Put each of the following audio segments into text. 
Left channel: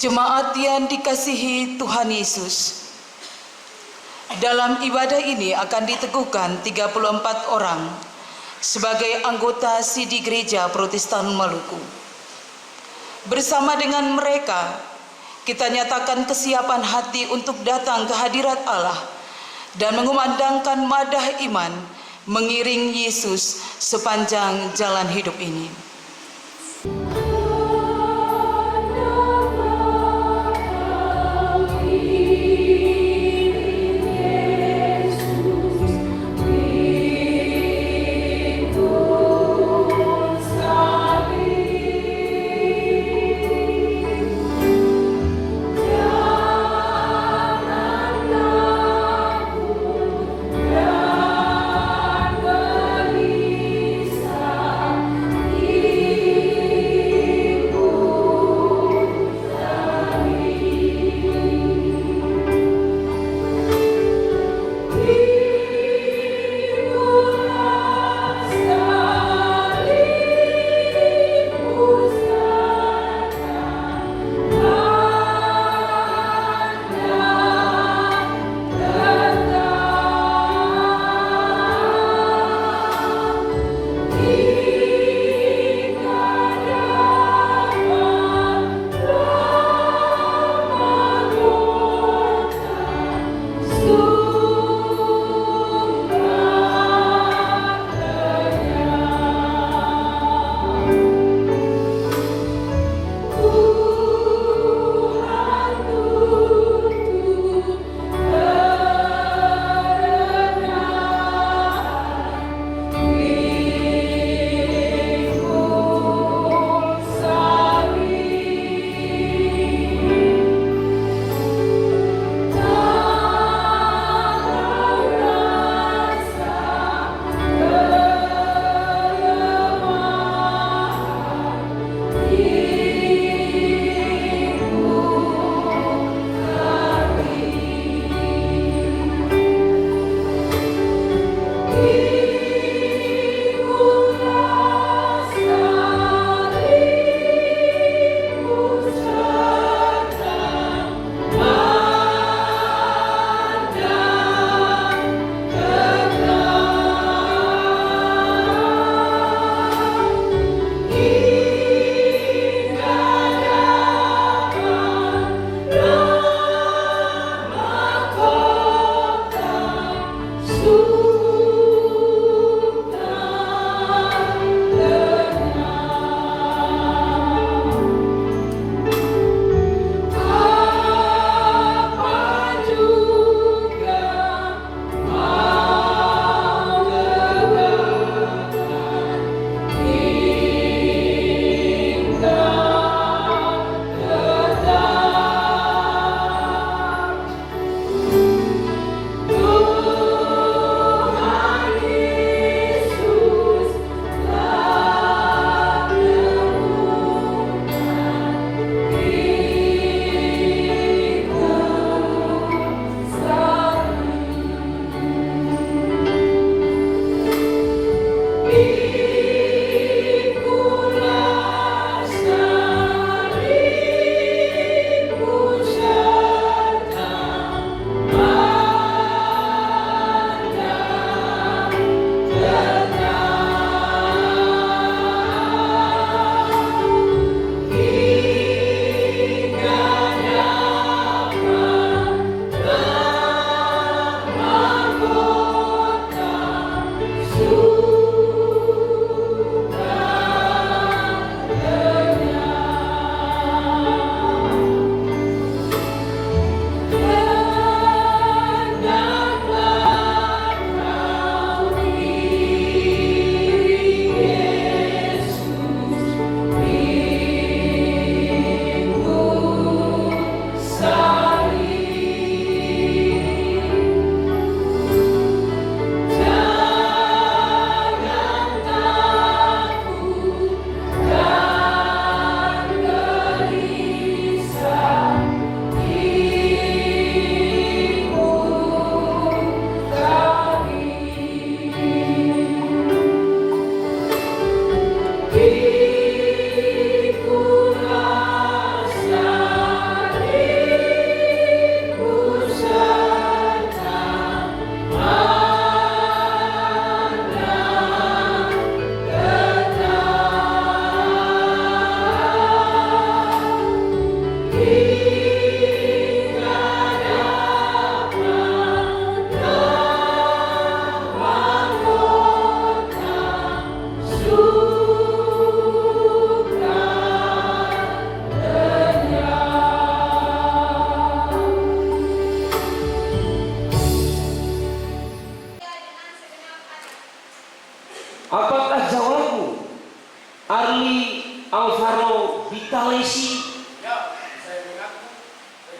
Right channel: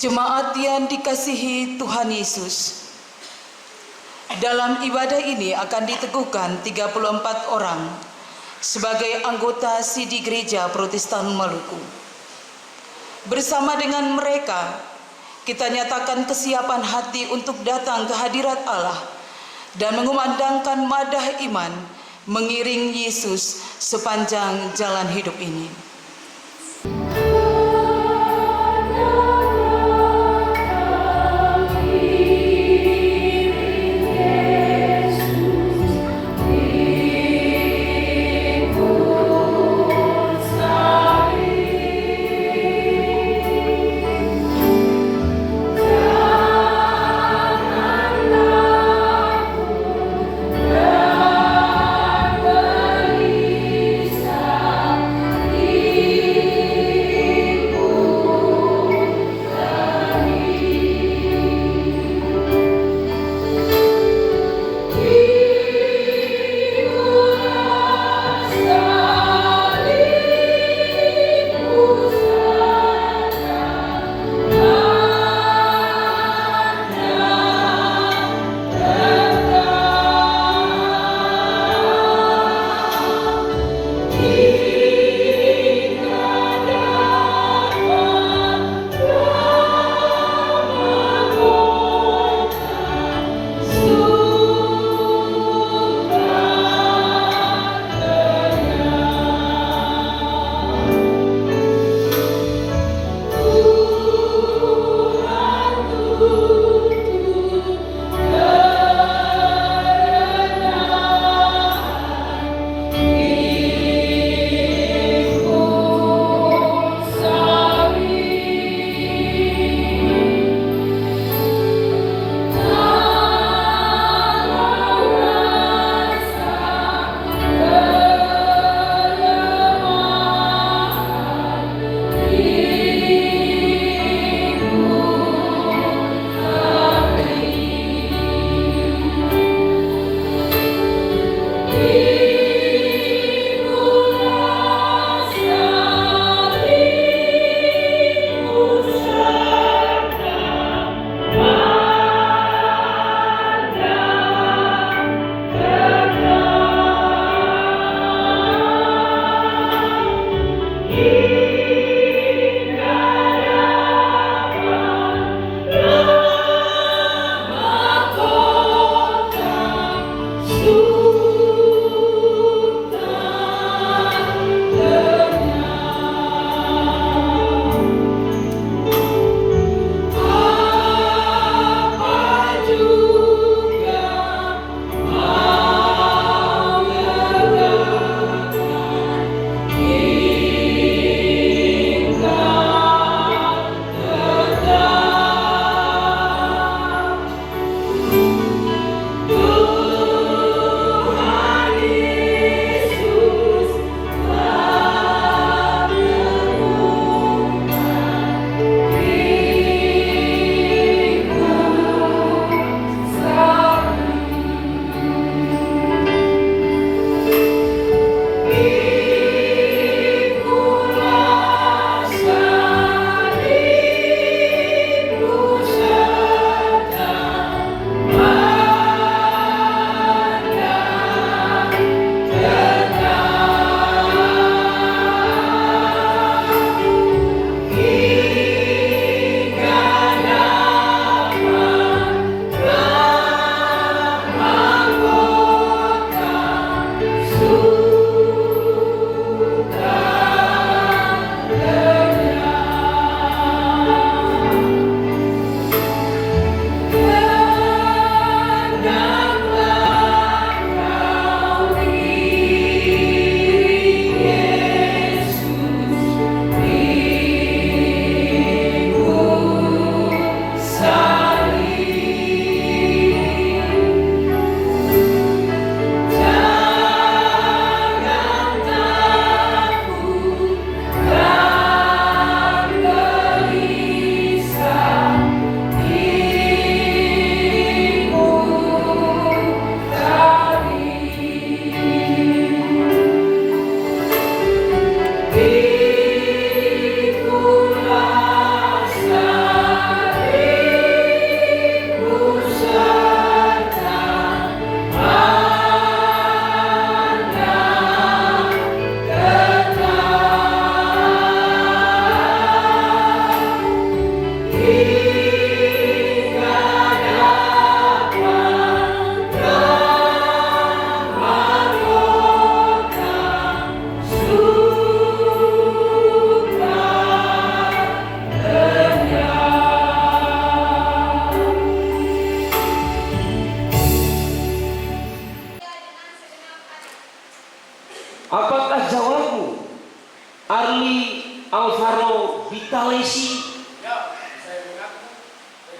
Jemaat yang dikasihi Tuhan Yesus, dalam ibadah ini akan diteguhkan 34 orang sebagai anggota Sidi Gereja Protestan Maluku. Bersama dengan mereka, kita nyatakan kesiapan hati untuk datang ke hadirat Allah dan mengumandangkan madah iman mengiring Yesus sepanjang jalan hidup ini. Yeah.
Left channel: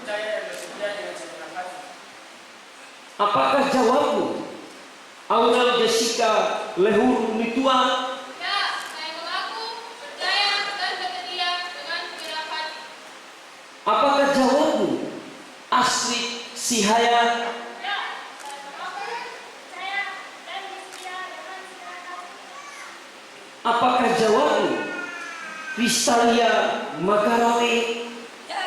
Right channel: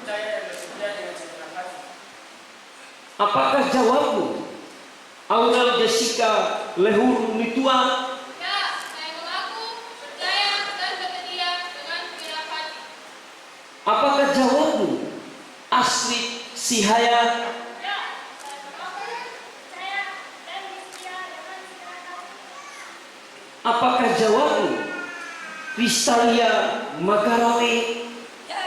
percaya dan bersedia dengan segenap hati. Apakah jawabmu? Aurel Jessica Lehuru Nitua. Ya, saya mengaku percaya dan bersedia dengan segenap hati. Apakah jawabmu? Astrid Sihaya. Ya, saya mengaku percaya dan bersedia dengan segenap hati. Apakah jawabmu? Kristalia Magarawe. Ya,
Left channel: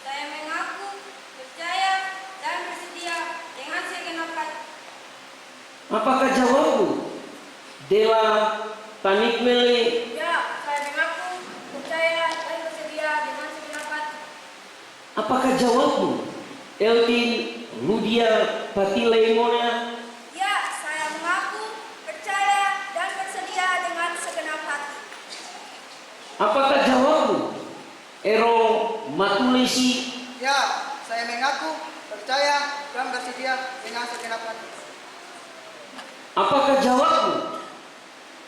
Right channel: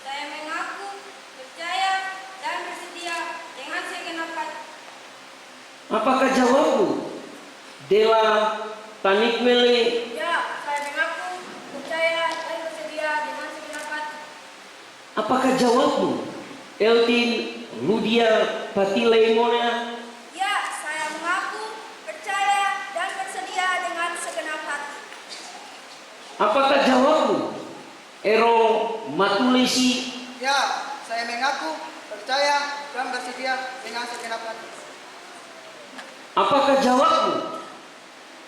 saya mengaku percaya dan bersedia dengan segenap hati. Apakah jawabmu? Dela Tanikmele. Ya, saya mengaku percaya dan bersedia dengan segenap hati. Apakah jawabmu? Eldin Ludia Patile Mona. Ya, saya mengaku percaya dan bersedia dengan segenap hati. Apakah jawabmu? Ero Matulesi. Ya, saya mengaku percaya dan bersedia dengan segenap hati. Apakah jawabmu?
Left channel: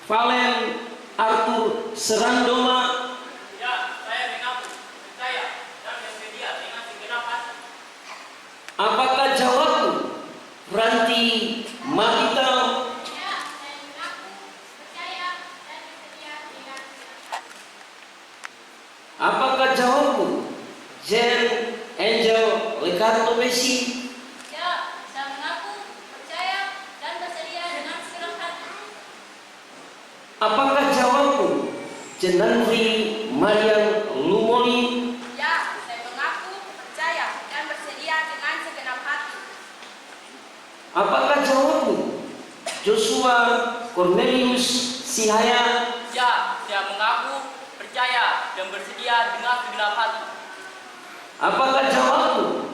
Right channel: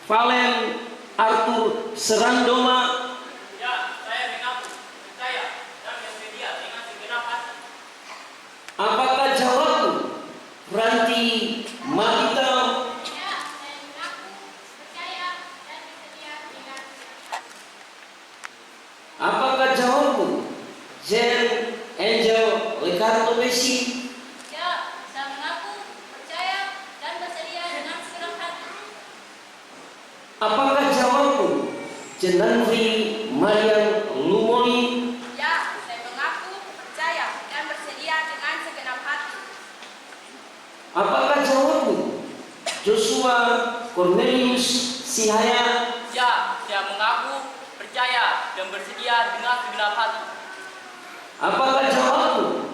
Valen Arthur Serandoma. Ya, saya mengaku percaya dan bersedia dengan segenap hati. Apakah jawabmu? Ranti Magita. Ya, saya mengaku percaya dan bersedia dengan segenap hati. Apakah jawabmu? Jen Angel Ricardo Messi. Ya, saya mengaku percaya dan bersedia dengan segenap hati. Apakah jawabmu? Jenanri Mariam Lumoni. Ya, saya mengaku percaya dan bersedia dengan segenap hati. Apakah jawabmu? Joshua Cornelius Sihaya. Ya, saya mengaku percaya dan bersedia dengan segenap hati. Apakah jawabmu?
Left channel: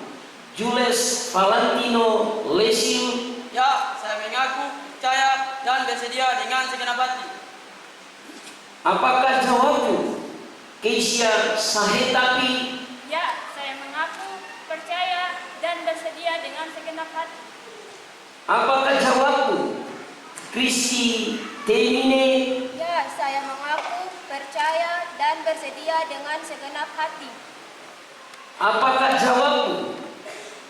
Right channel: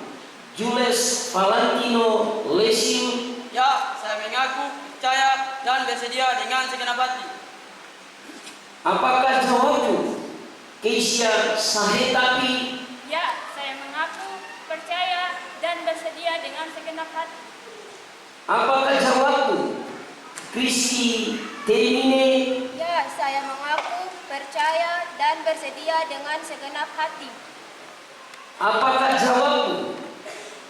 Jules Valentino Lesim. Ya, saya mengaku percaya dan bersedia dengan segenap hati. Apakah jawabmu? Keisha Sahetapi. Ya, saya mengaku percaya dan bersedia dengan segenap hati. Apakah jawabmu? Kristi Temine. Ya, saya mengaku percaya dan bersedia dengan segenap hati. Apakah jawabmu?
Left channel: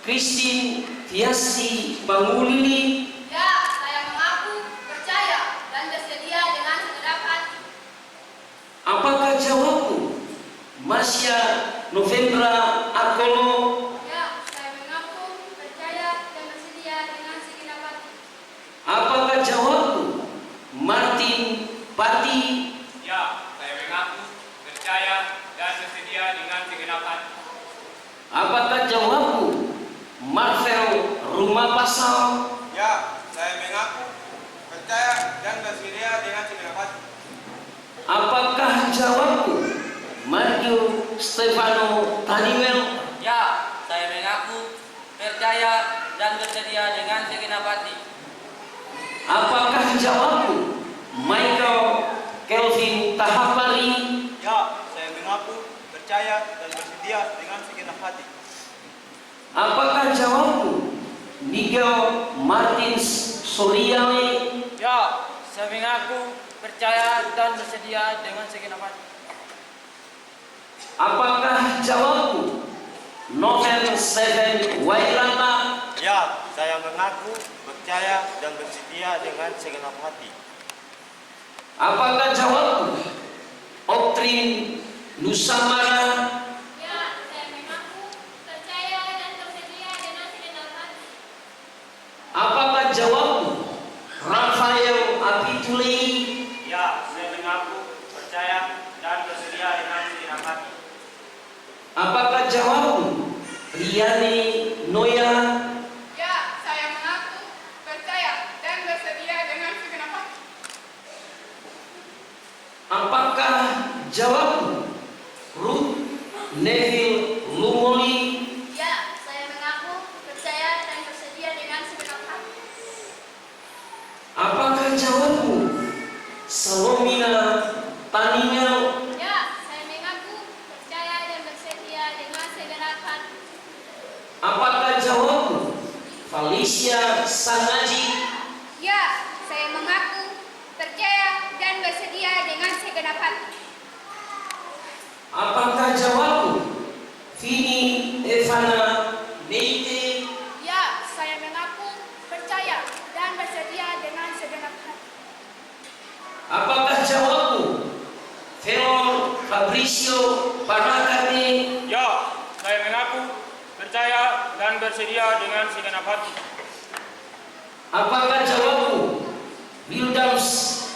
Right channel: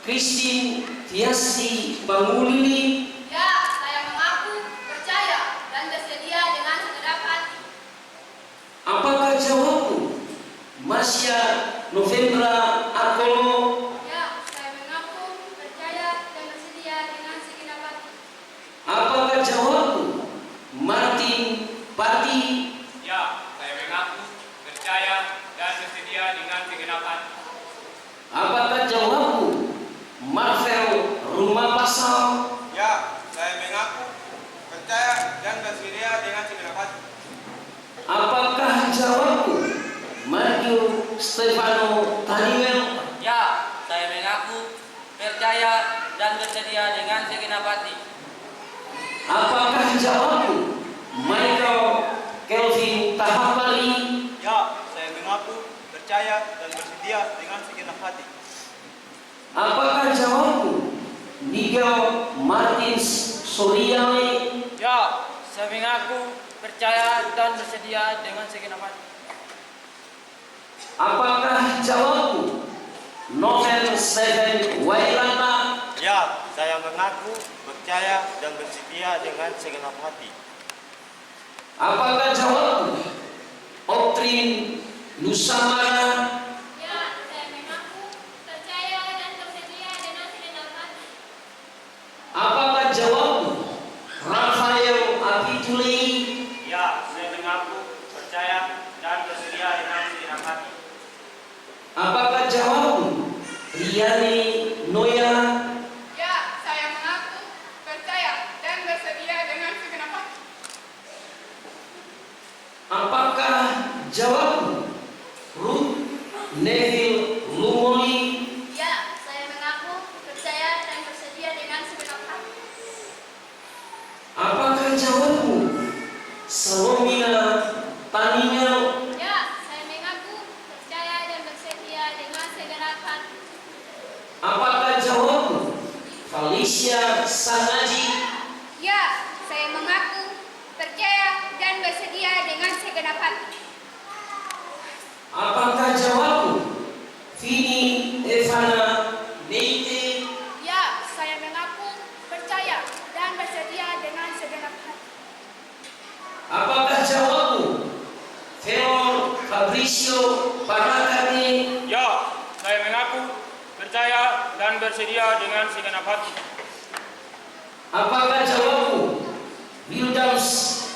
Christine Tiasi Pangulili. Ya, saya mengaku percaya dan bersedia dengan segenap hati. Apakah jawabmu? Masya Novembra Akolo. Ya, saya mengaku percaya dan bersedia dengan segenap hati. Apakah jawabmu? Martin Pati. Ya, saya mengaku percaya dan bersedia dengan segenap hati. Apakah jawabmu? Marvel Rumah Pasal. Ya, saya mengaku percaya dan bersedia dengan segenap hati. Apakah jawabmu? Mario Stefano Taniwel. Ya, saya mengaku percaya dan bersedia dengan segenap hati. Apakah jawabmu? Michael Kelvin Tahapari. Ya, saya mengaku percaya dan bersedia dengan segenap hati. Apakah jawabmu? Miguel Martins Soliane. Ya, saya mengaku percaya dan bersedia dengan segenap hati. Apakah jawabmu? Novel Seven Wailanta. Ya, saya mengaku percaya dan bersedia dengan segenap hati. Apakah jawabmu? Oktrin Nusamara. Ya, saya mengaku percaya dan bersedia dengan segenap hati. Apakah jawabmu? Rafael Apituli. Ya, saya mengaku percaya dan bersedia dengan segenap hati. Apakah jawabmu? Riani Noya. Ya, saya mengaku percaya dan bersedia dengan segenap hati. Apakah jawabmu? Ruth Neville Lumoli. Ya, saya mengaku percaya dan bersedia dengan segenap hati. Apakah jawabmu? Salomina Taninya. Ya, saya mengaku percaya dan bersedia dengan segenap hati. Apakah jawabmu? Felicia Sanaji. Ya, saya mengaku percaya dan bersedia dengan segenap hati. Apakah jawabmu? Vini Evana saya mengaku percaya dan bersedia dengan segenap hati. Apakah jawabmu? Wildams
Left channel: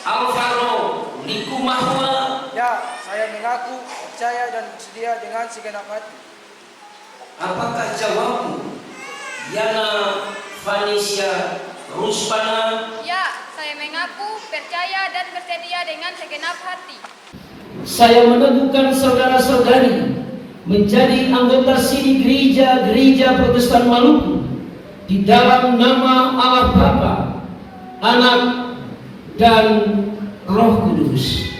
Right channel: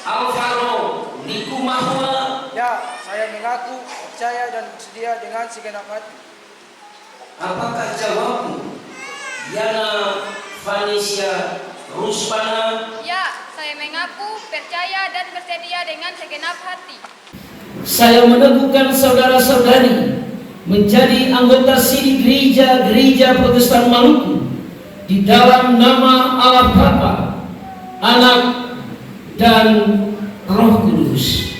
Alvaro Likumahua. Ya, saya mengaku percaya dan bersedia dengan segenap hati. Apakah jawabmu? Yana Vanisia Ruspana. Ya, saya mengaku percaya dan bersedia dengan segenap hati. Saya meneguhkan saudara-saudari menjadi anggota siri gereja Protestan Maluku di dalam nama Allah Bapa, Anak, dan Roh Kudus.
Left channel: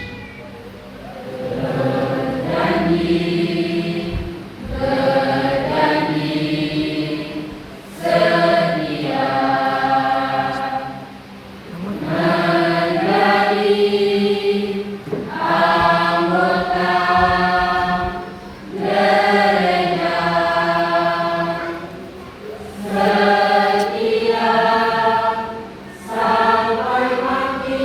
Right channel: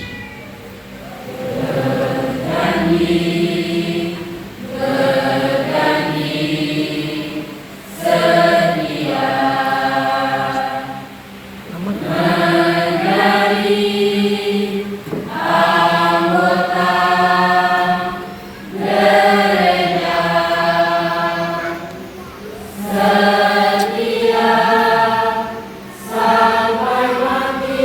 Sampai mati.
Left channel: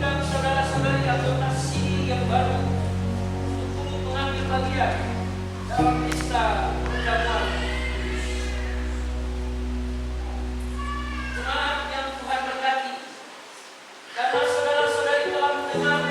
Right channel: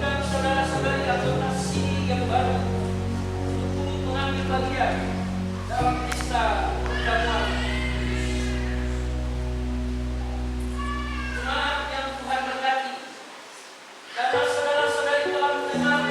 mengundang saudara-saudari anggota sini yang baru untuk turut mengambil bagian dalam pesta perjamuan. Jemaat yang Tuhan berkati, karena saudara-saudari telah mendengar